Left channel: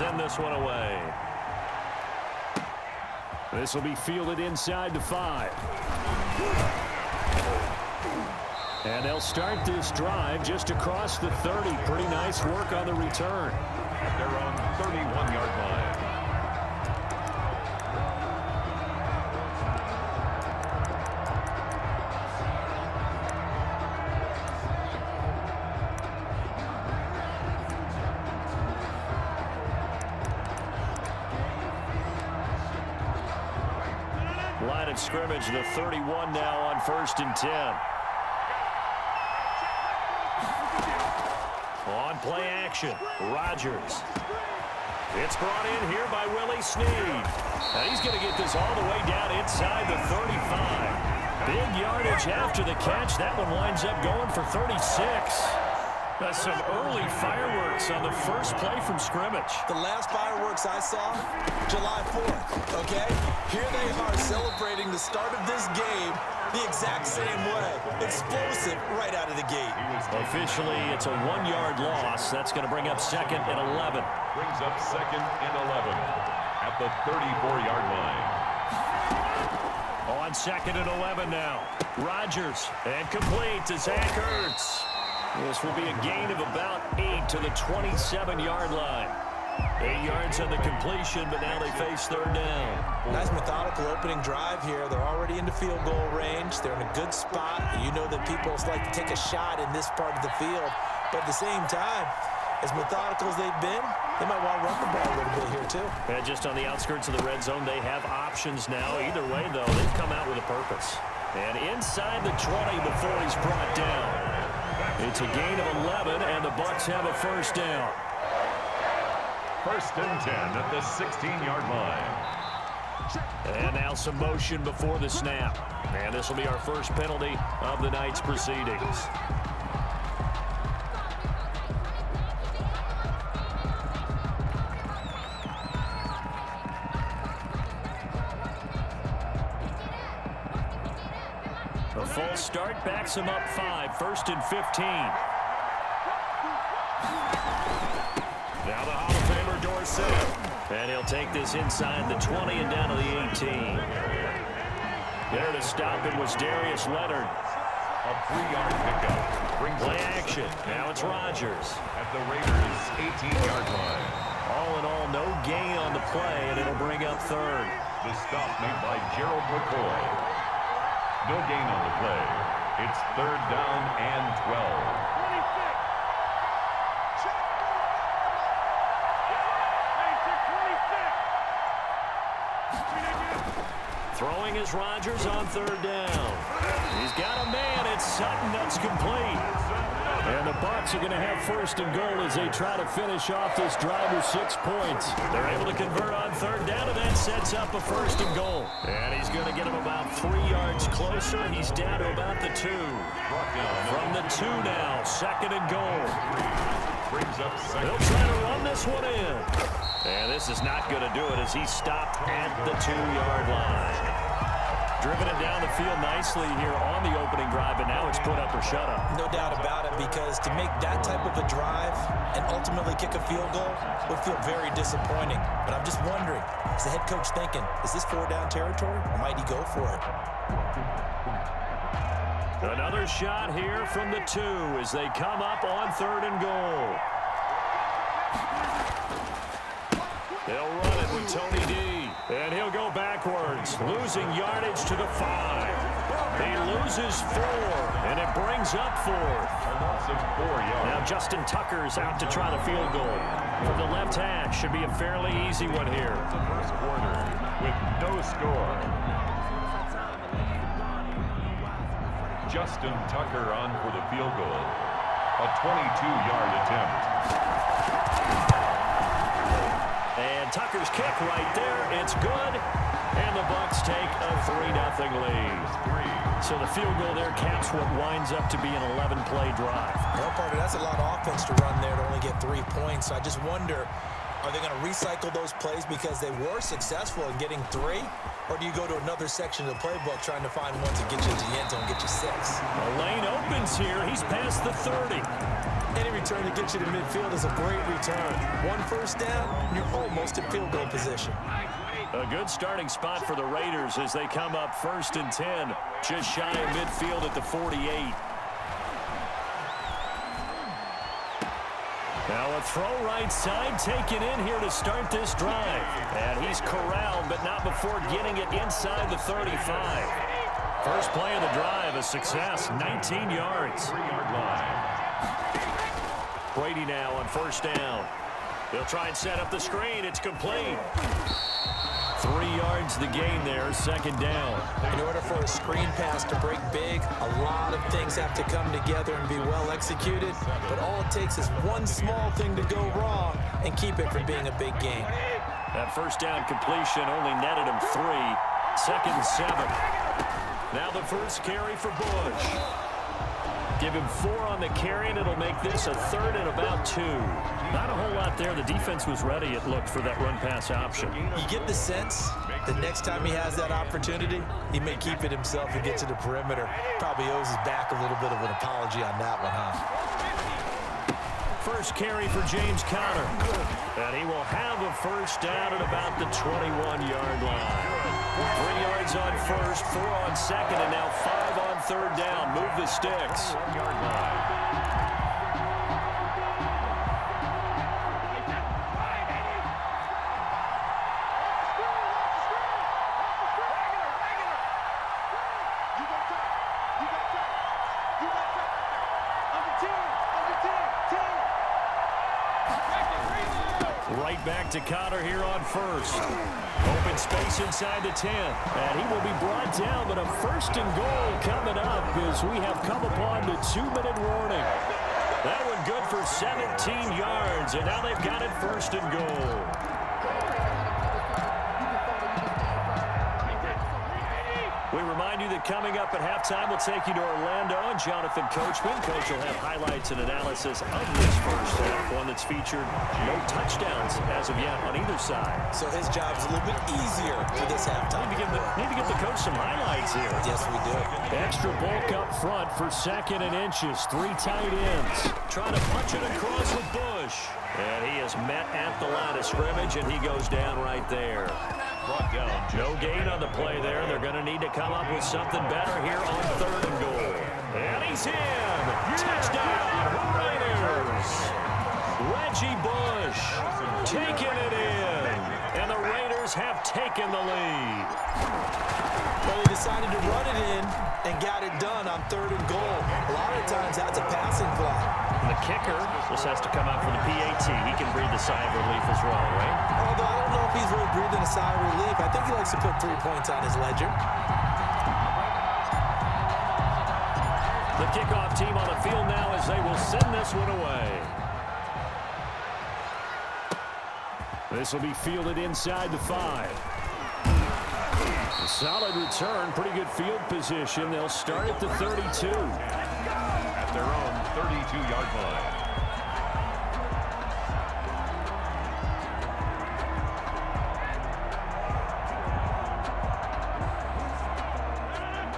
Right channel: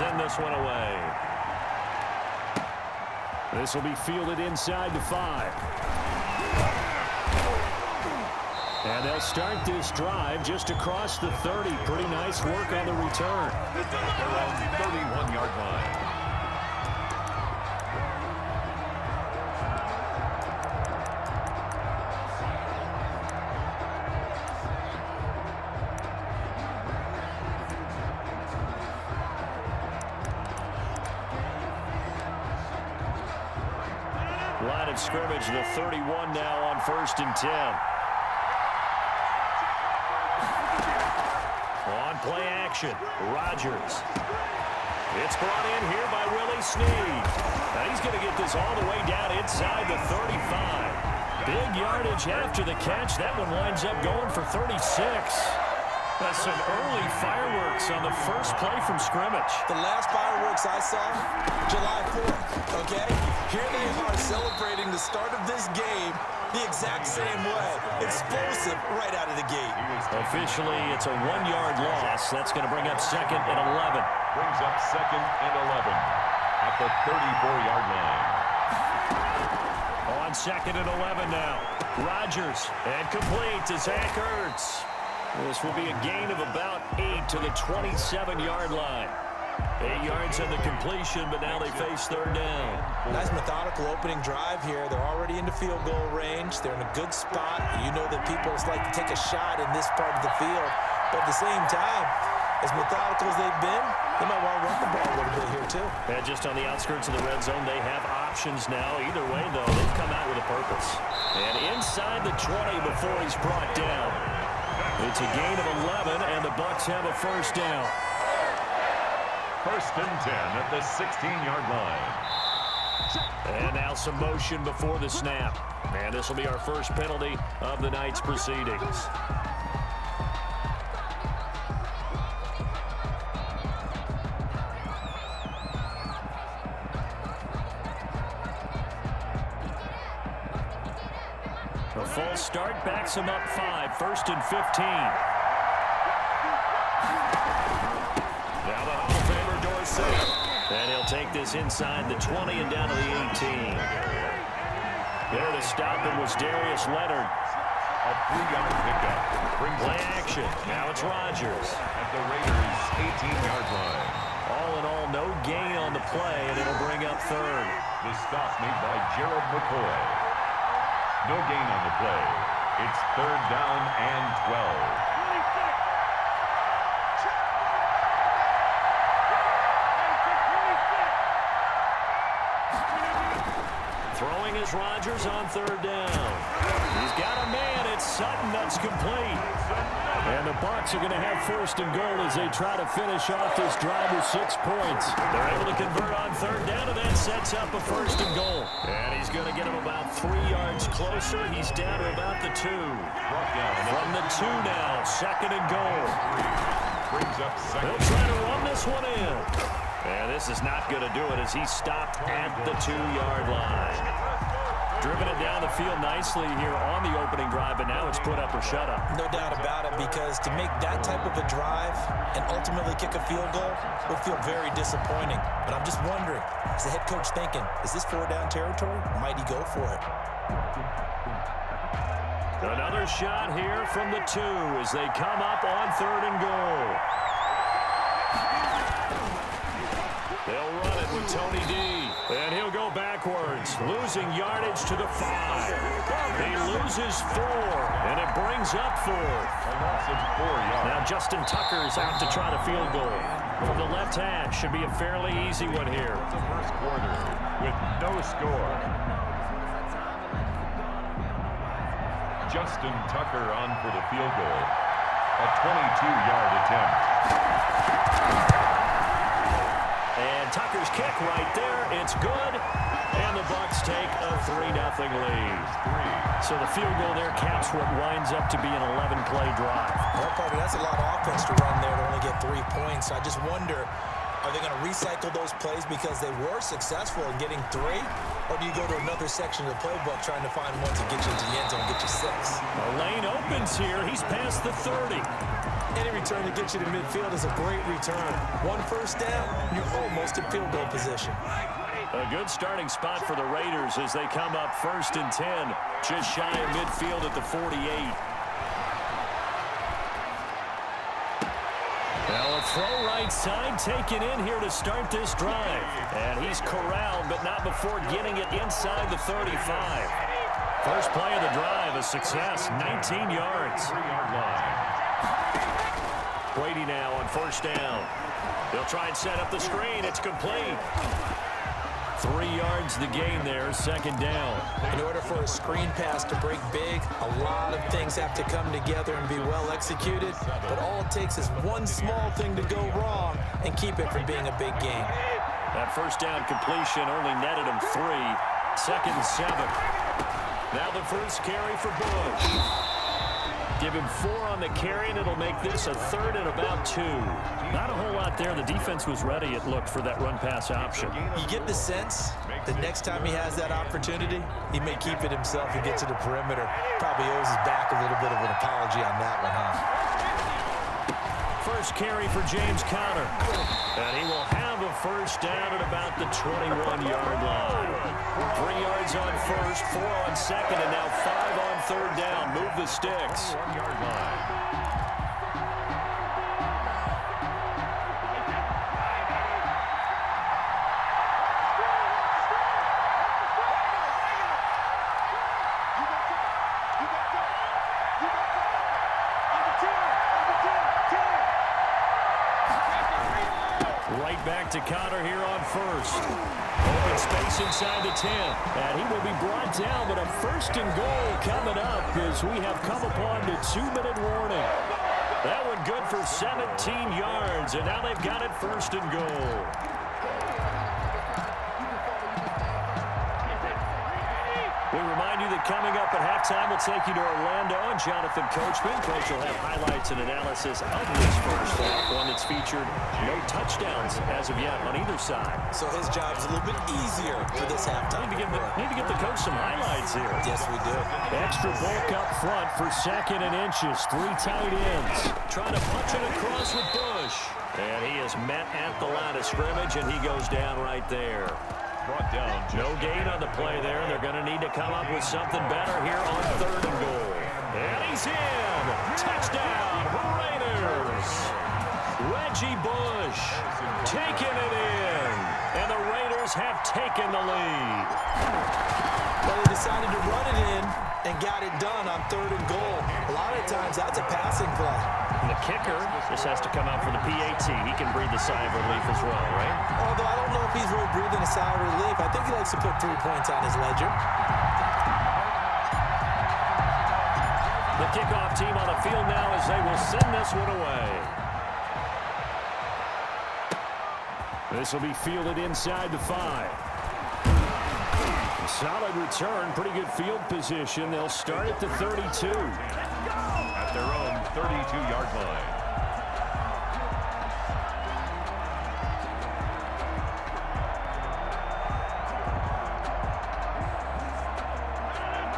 send this one away. This will be fielded inside the 5. And they'll start this drive just across the 30. Pretty nice work on the return. They're on 31-yard line. Line of scrimmage, the 31 now on 1st and 10. On play action, Rodgers. It's brought in here by Willie Snead. Now he's going to get this all the way down inside the 35. Big yardage after the catch. That one winds up going for 36. That's some early fireworks on the first play from scrimmage. The last fireworks I saw, July 4th, okay? Here they are celebrating the start of this game the exact same way. Explosive right out of the gate. Officially, it's a 1-yard loss. That's going to bring up 2nd and 11. Brings up 2nd and 11 at the 34-yard line. On 2nd and 11 now. Rodgers, and complete to Zach Ertz. This will be a gain of about 8 to the 27-yard line. 8 yards on the completion, but now they face 3rd down. Nice methodical opening drive here. They're already into field goal range. They're in a good spot. You know that people like to take a shot in this part of the field. But at the same time, as methodical as they've been, they might want to run the ball a little bit here too. And just on the outskirts of the red zone, they have options now. Either way, though, they've come out with a purpose. And inside the 20 before he's brought down. It's a gain of 11, and the Bucs have a 1st down. 1st and 10 at the 16-yard line. And now some motion before the snap. And this will be our first penalty of the night's proceedings. A false start backs him up 5, 1st and 15. Now the Hall of Famer Dorsett. And he'll take this inside the 20 and down to the 18. There to stop him was Darius Leonard. A 3-yard pickup. Brings play action. Now it's Rodgers. At the Raiders' 18-yard line. All in all, no gain on the play, and it'll bring up 3rd. The stop made by Gerald McCoy. No gain on the play. It's 3rd down and 12. Throwing is Rodgers on 3rd down. He's got a man. It's Sutton. That's complete. And the Bucs are going to have 1st and goal as they try to finish off this drive with 6 points. They're able to convert on 3rd down, and that sets up a 1st and goal. And he's going to get him about 3 yards closer. He's down to about the 2. From the 2 now, 2nd and goal. Brings up 2nd. They'll try to run this one in. And this is not going to do it as he stopped at the 2-yard line. Driven it down the field nicely here on the opening drive, but now it's put up or shut up. No doubt about it, because to make that type of a drive and ultimately kick a field goal would feel very disappointing. But I'm just wondering, is the head coach thinking, is this 4-down territory, or might he go for it? Another shot here from the 2 as they come up on 3rd and goal. They'll run it with Tony D. And he'll go backwards, losing yardage to the 5. He loses 4, and it brings up 4th. A loss of 4 yards. Now Justin Tucker's out to try the field goal. From the left hash, should be a fairly easy one here. The first quarter with no score. Justin Tucker on for the field goal. A 22-yard attempt. And Tucker's kick right there. It's good. And the Bucs take a 3-0 lead. So the field goal there caps what winds up to be an 11-play drive. Well, partner, that's a lot of offense to run there to only get 3 points. I just wonder, Are they going to recycle those plays because they were successful in getting 3? Or do you go to another section of the playbook trying to find one to get you into the end zone and get you 6? The lane opens here. He's past the 30. Any return that gets you to midfield is a great return. 1 first down, and you're almost in field goal position. A good starting spot for the Raiders as they come up 1st and 10, just shy of midfield at the 48. Now a throw right side taken in here to start this drive. And he's corralled, but not before getting it inside the 35. First play of the drive, a success, 19 yards. 3-yard line. Brady now on 1st down. He'll try and set up the screen. It's complete. 3 yards the gain there, 2nd down. In order for a screen pass to break big, a lot of things have to come together and be well executed. But all it takes is one small thing to go wrong and keep it from being a big gain. That 1st down completion only netted him 3. 2nd and 7. Now the first carry for Bush. Give him 4 on the carry, and it'll make this a 3rd and about 2. Not a whole lot there. The defense was ready, it looked, for that run-pass option. You get the sense that next time he has that opportunity, he may keep it himself and get to the perimeter. Probably owes his back a little bit of an apology on that one, huh? First carry for James Conner. And he will have a 1st down at about the 21-yard line. 3 yards on 1st, 4 on 2nd, and now 5 on 3rd down. Move the sticks. 1-yard line. Right back to Conner here on 1st. Open space inside the 10. And he will be brought down, but a 1st and goal coming up as we have come upon the 2-minute warning. That one good for 17 yards, and now they've got it 1st and goal. We remind you that coming up at halftime, we'll take you to Orlando and Jonathan Coachman. Coach will have highlights and analysis of this first half, one that's featured no touchdowns as of yet on either side. So his job is a little bit easier for this halftime. Need to give the coach some highlights here. Yes, we do. Extra bulk up front for 2nd and inches. 3 tight ends. Trying to punch it across with Bush. And he is met at the line of scrimmage, and he goes down right there. Brought down. No gain on the play there. They're going to need to come up with something better here on 3rd and goal. And he's in. Touchdown, Raiders. Reggie Bush taking it in. And the Raiders have taken the lead. But they decided to run it in and got it done on 3rd and goal. A lot of times, that's a passing play. And the kicker just has to come out for the PAT. He can breathe the sigh of relief as well, right? Although I don't know if he's really breathing a sigh of relief. I think he likes to put 3 points on his ledger. The kickoff team on the field now as they will send this one away. This will be fielded inside the 5. A solid return, pretty good field position. They'll start at the 32. At their own 32-yard line.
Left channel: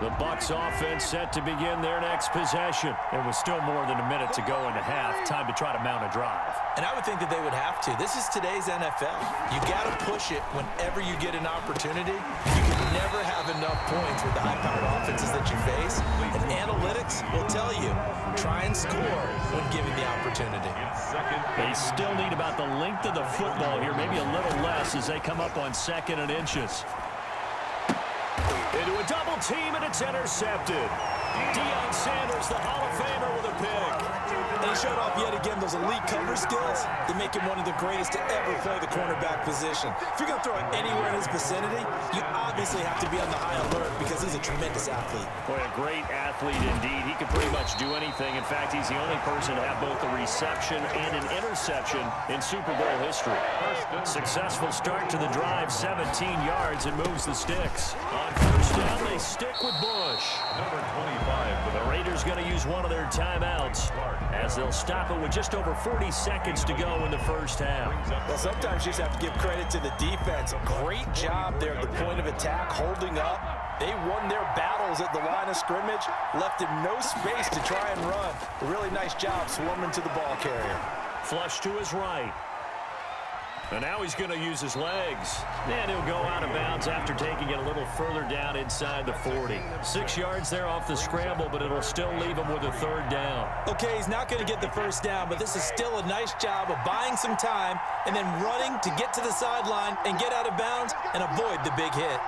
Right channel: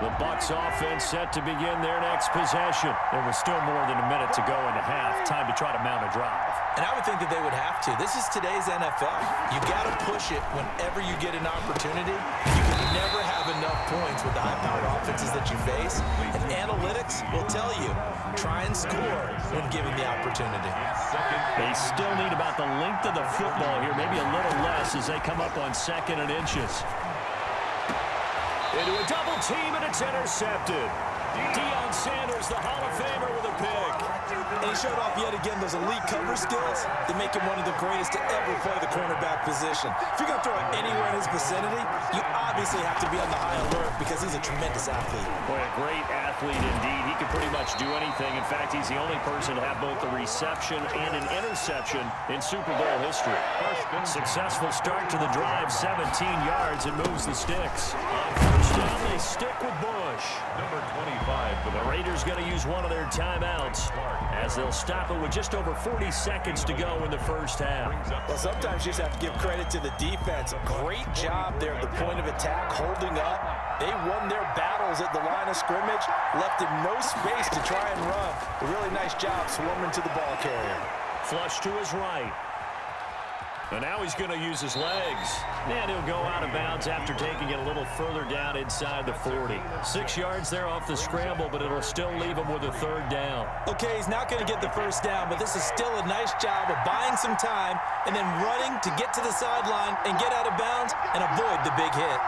The Bucs offense set to begin their next possession. There was still more than a minute to go in the half. Time to try to mount a drive. And I would think that they would have to. This is today's NFL. You got to push it whenever you get an opportunity. You can never have enough points with the high-powered offenses that you face. And analytics will tell you, try and score when given the opportunity. They still need about the length of the football here, maybe a little less as they come up on 2nd and inches. Into a double team, and it's intercepted. Deion Sanders, the Hall of Famer, with a pick. And he showed off yet again those elite cover skills that make him one of the greatest to ever play the cornerback position. If you're going to throw it anywhere in his vicinity, you obviously have to be on the high alert because he's a tremendous athlete. Boy, a great athlete indeed. He can pretty much do anything. In fact, he's the only person to have both a reception and an interception in Super Bowl history. Successful start to the drive, 17 yards, and moves the sticks. On 1st down, they stick with Bush. Number 25. 25 for The Raiders going to use one of their timeouts as they'll stop it with just over 40 seconds to go in the first half. Well, sometimes you just have to give credit to the defense. Great job there at the point of attack, holding up. They won their battles at the line of scrimmage, left him no space to try and run. A really nice job swarming to the ball carrier. Flush to his right. And now he's going to use his legs. And he'll go out of bounds after taking it a little further down inside the 40. 6 yards there off the scramble, but it'll still leave him with a third down. Okay, he's not going to get the first down, but this is still a nice job of buying some time and then running to get to the sideline and get out of bounds and avoid the big hit.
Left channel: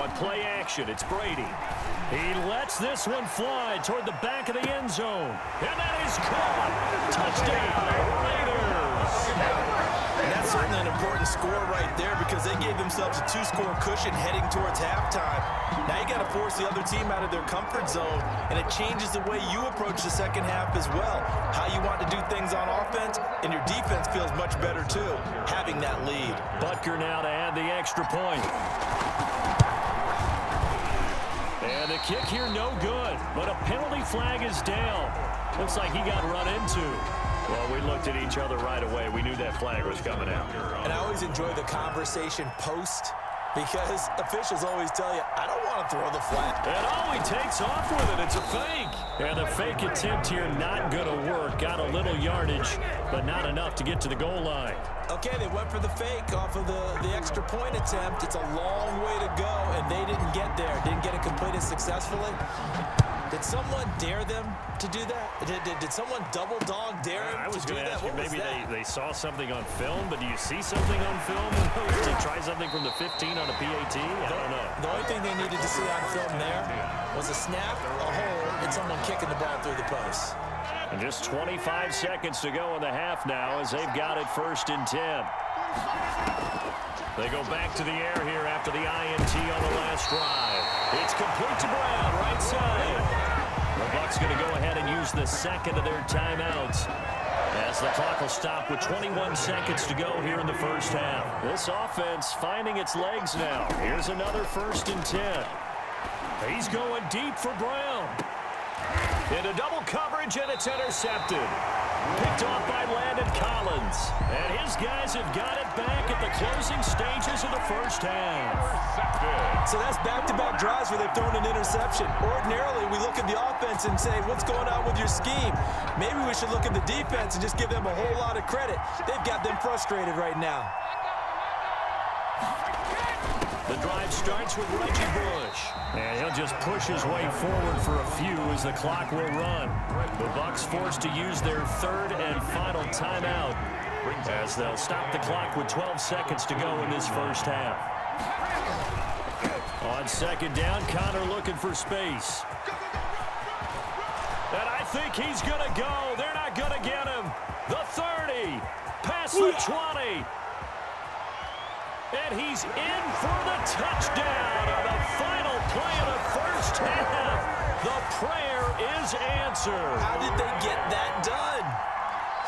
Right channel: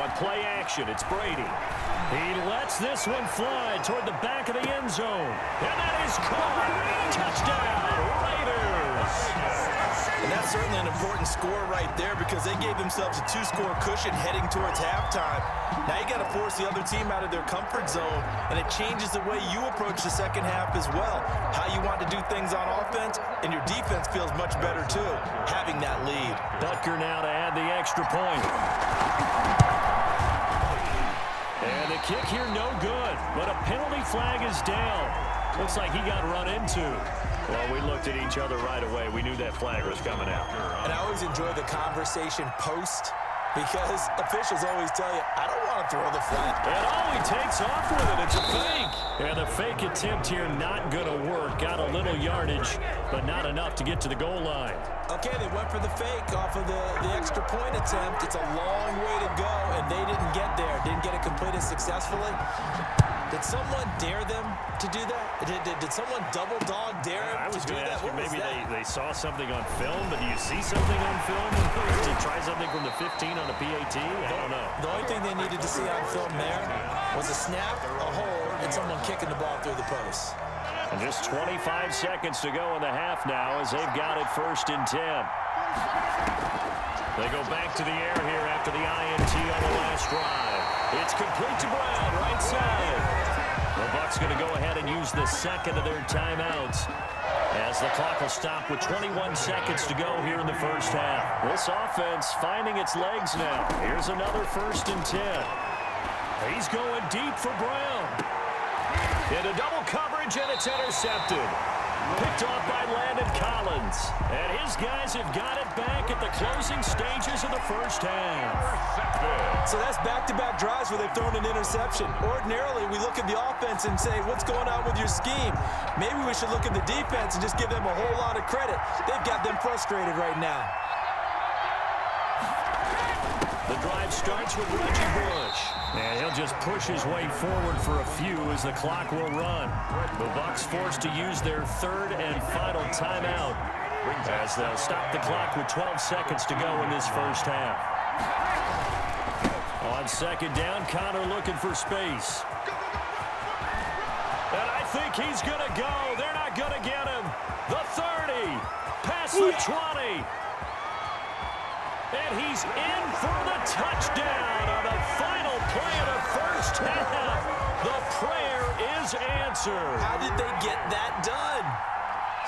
On play action, it's Brady. He lets this one fly toward the back of the end zone. And that is caught. Touchdown, Raiders. And that's certainly an important score right there because they gave themselves a 2-score cushion heading towards halftime. Now you got to force the other team out of their comfort zone, and it changes the way you approach the second half as well. How you want to do things on offense, and your defense feels much better too, having that lead. Butker now to add the extra point. And the kick here no good, but a penalty flag is down. Looks like he got run into. Well, we looked at each other right away. We knew that flag was coming out. And I always enjoy the conversation post because officials always tell you, I don't want to throw the flag. And all he takes off with it, it's a fake. And the fake attempt here not going to work. Got a little yardage, but not enough to get to the goal line. Okay, they went for the fake off of the extra point attempt. It's a long way to go, and they didn't get there. Didn't get it completed successfully. Did someone dare them to do that? Did someone double dog dare them I was to do going to that? ask you, What was maybe that? they saw something on film, but do you see something on film to try something from the 15 on a PAT? I don't know. The only thing they needed to see on film there was a snap, a hold, and someone kicking the ball through the post. And just 25 seconds to go in the half now as they've got it 1st and 10. They go back to the air here after the INT on the last drive. It's complete to Brown, right side. The Bucs going to go ahead and use the second of their timeouts as the clock will stop with 21 seconds to go here in the first half. This offense finding its legs now. Here's another 1st and 10. He's going deep for Brown. Into double coverage, and it's intercepted. Picked off by Landon Collins. And his guys have got it back at the closing stages of the first half. So that's back-to-back drives where they've thrown an interception. Ordinarily, we look at the offense and say, what's going on with your scheme? Maybe we should look at the defense and just give them a whole lot of credit. They've got them frustrated right now. The drive starts with Reggie Bush. And he'll just push his way forward for a few as the clock will run. The Bucs forced to use their 3rd and final timeout as they'll stop the clock with 12 seconds to go in this first half. On 2nd down, Connor looking for space. And I think he's going to go. They're not going to get him. The 30, past the 20. And he's in for the touchdown on the final play of the first half. The prayer is answered. How did they get that done?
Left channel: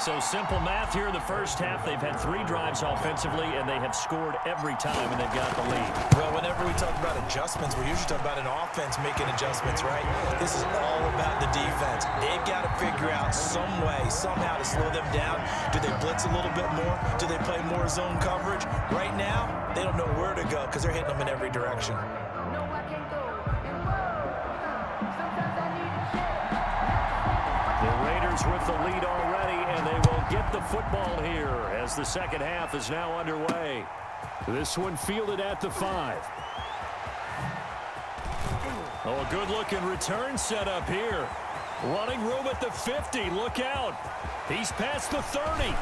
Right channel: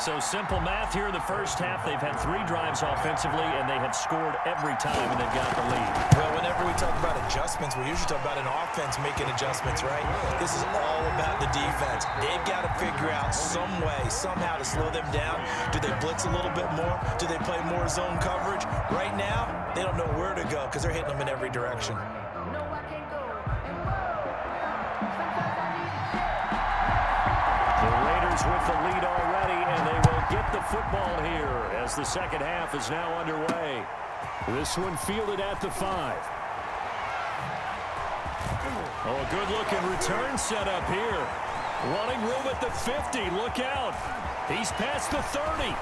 So simple math here in the first half. They've had 3 drives offensively, and they have scored every time, and they've got the lead. Well, whenever we talk about adjustments, we usually talk about an offense making adjustments, right? This is all about the defense. They've got to figure out some way, somehow to slow them down. Do they blitz a little bit more? Do they play more zone coverage? Right now, they don't know where to go because they're hitting them in every direction. The Raiders with the lead already, and they will get the football here as the second half is now underway. This one fielded at the 5. Oh, a good-looking return set up here. Running room at the 50. Look out. He's past the 30.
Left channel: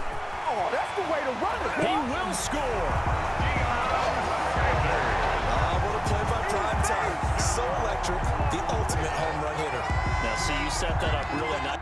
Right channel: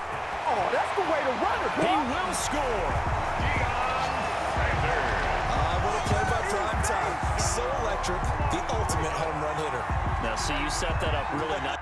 Oh, that's the way to run it, boy. He will score. What a play by Prime Time. So electric, the ultimate home run hitter. Now, see, you set that up really nice.